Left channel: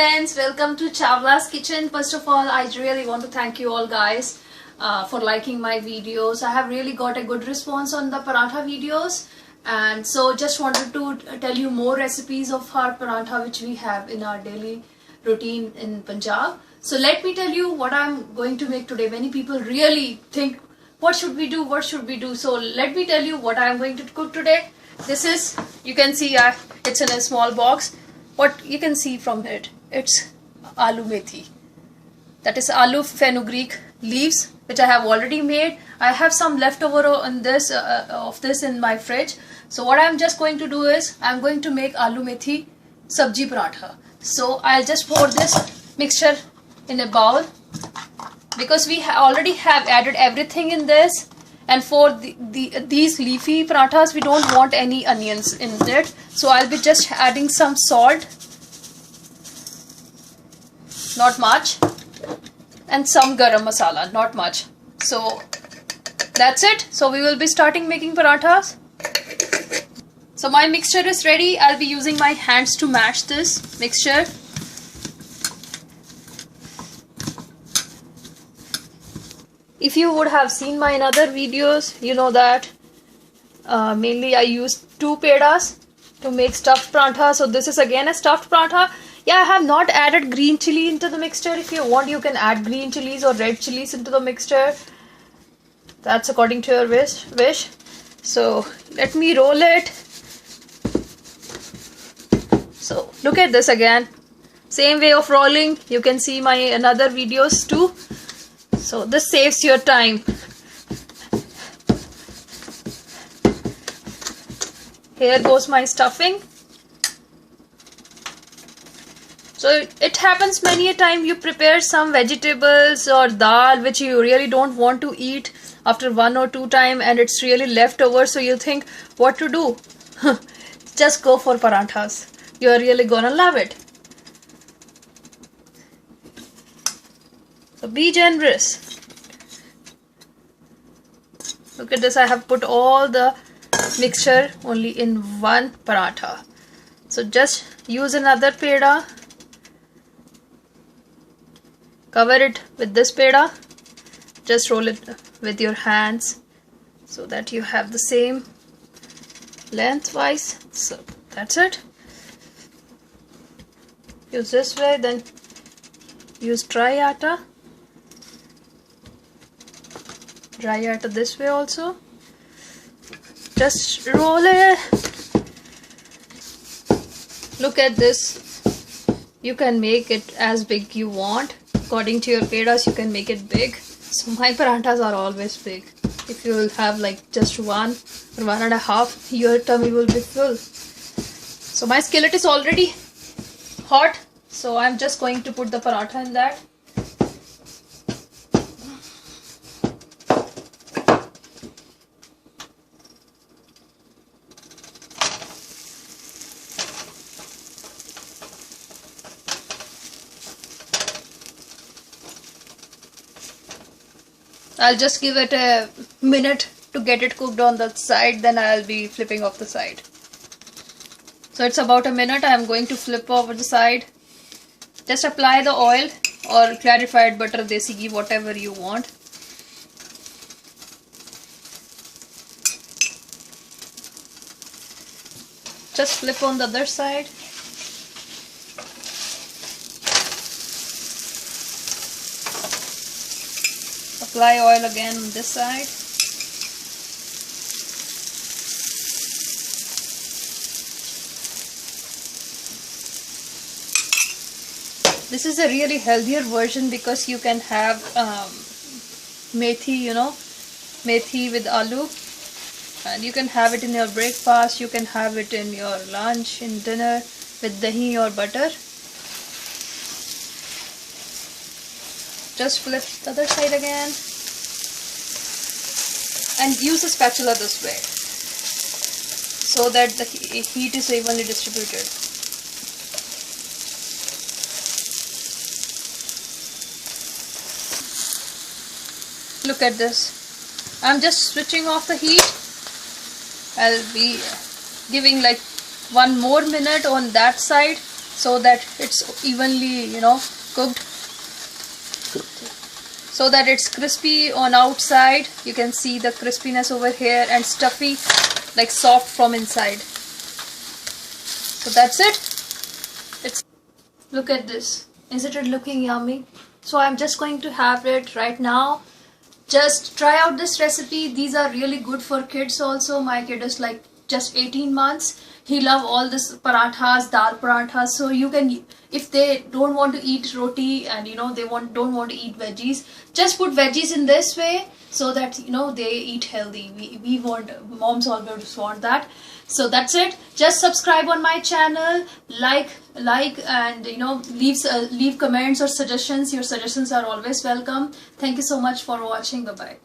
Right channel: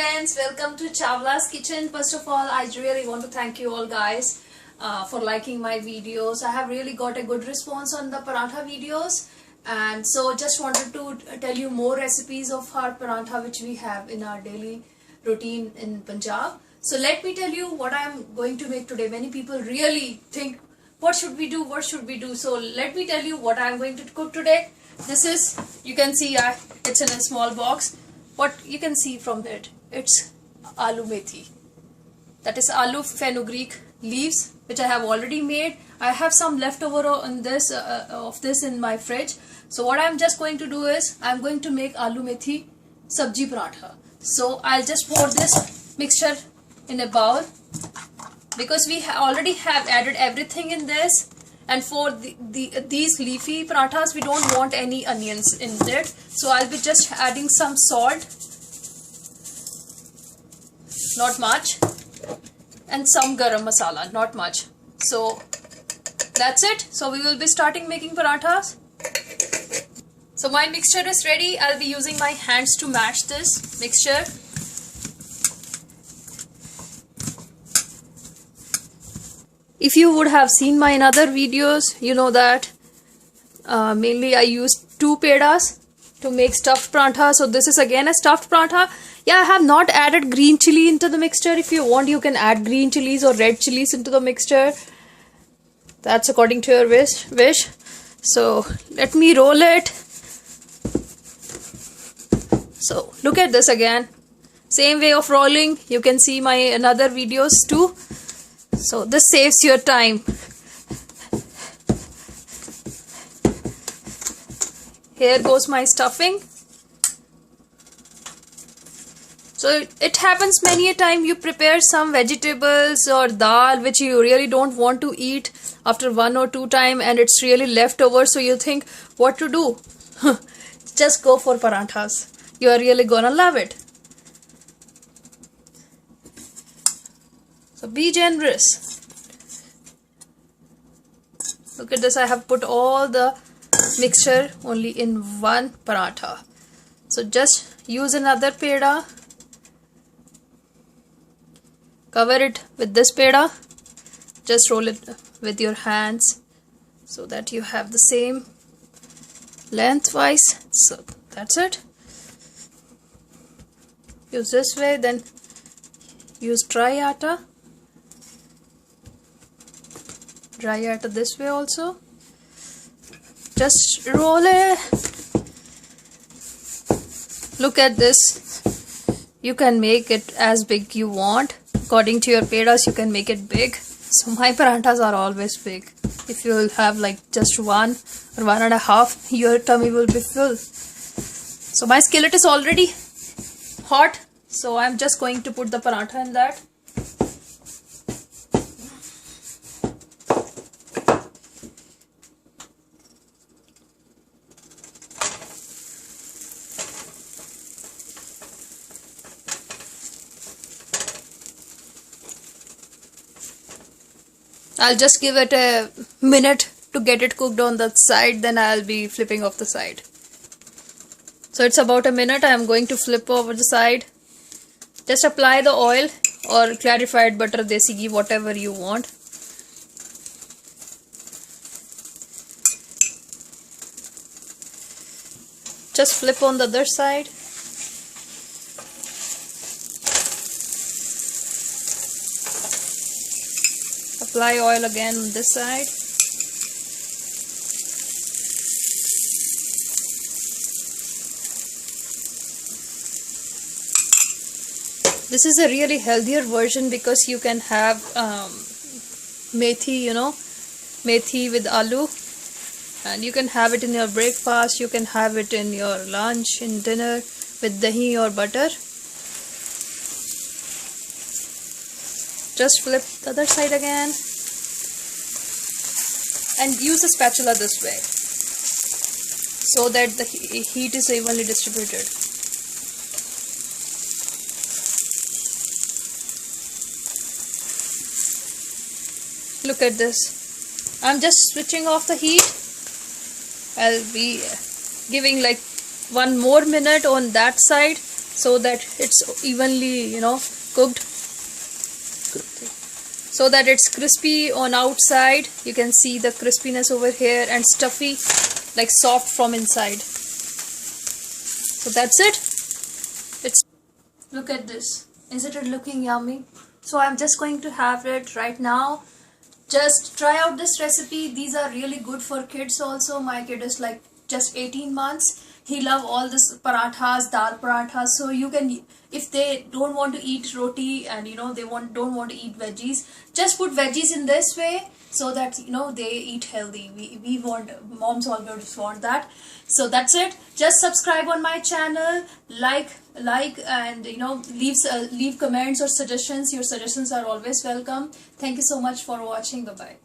friends, welcome to Chawla's Kitchen. First of all, I really want to thank you all guys for liking my videos. I have really got a good response on the paratha videos, and so just wanted to tell you more recipes of our paratha which we have in our daily routine in Punjab. So let me tell you what I'm going to make today. Many people really think, what should we do, what should we do? So let me tell you what I'm going to cook today. This is, you can see it's in a small box. What you can see from it, it's aloo methi. That is aloo fenugreek leaves, which I have already made. I have some leftover on this of this in my fridge. So what I'm just going to do is I'm going to make aloo methi sabji paratha. So I'll just pour this mixture in a bowl because we already have added everything in this. And for these leafy parathas, we don't want any onions in it. So I'll be just adding some salt, not much, and some garam masala, not much. So that's it. So we will be starting making parathas. So my mixture is ready. I'll be using my hands to mash this mixture. If you would have seen my other videos, you know that mainly I use 2 pedas to make stuffed paratha. So this is again a stuffed paratha. Yeah, I have not added green chili into the mixture. If you want, you can add green chilies or red chilies into the mixture. That's according to your wish. So let me roll it. So look at this again. Same way of rolling. You can see my another videos too. So this saves your time. Here goes my stuffing. So it happens many a time you prepare some vegetables or dal which you really don't want to eat after 1 or 2 times and it's really left over, so you think what to do. Just go for parathas. You are really gonna love it. So be generous. Look at this, I have put all the mixture only in one paratha. So just use another peda. Cover it with this peda. Just roll it with your hands so that you have the same lengthwise. So that's it. Use this way, then use dry atta. Dry atta this way also. Just roll it. Look at this. You can make it as big you want. According to your pedas, you can make it big. So my parathas are always big. If you will have like just 1 or 1.5, your tummy will be full. So my skillet is already hot. So I'm just going to put the paratha in that. I'll just give it a minute to get it cooked on the side, then I'll be flipping off the side. So it's about a minute. I'm going to flip over the side. Just apply the oil or clarified butter, desi ghee, whatever you want. Just flip on the other side. Apply oil again on this side. This is a really healthier version because you can have methi, methi with aloo, and you can have it in your breakfast, you can have it in your lunch, in dinner with dahi or butter. Just flip the other side again and use a spatula this way so that the heat is evenly distributed. Look at this. I'm just switching off the heat. I'll be giving like 1 more minute on that side so that it's evenly, you know, cooked, so that it's crispy on outside. You can see the crispiness over here, and stuffy, like soft from inside. So that's it. It's, look at this. Isn't it looking yummy? So I'm just going to have it right now. Just try out this recipe. These are really good for kids also. My kid is like just 18 months. He love all this parathas, dal parathas. So you can, if they don't want to eat roti and you know they don't want to eat veggies, just put veggies in this way so that you know they eat healthy. We want, moms always want that. So that's it. Just subscribe on my channel, like and you know leave comments or suggestions. Your suggestions are always welcome. Thank you so much for watching. Bye bye.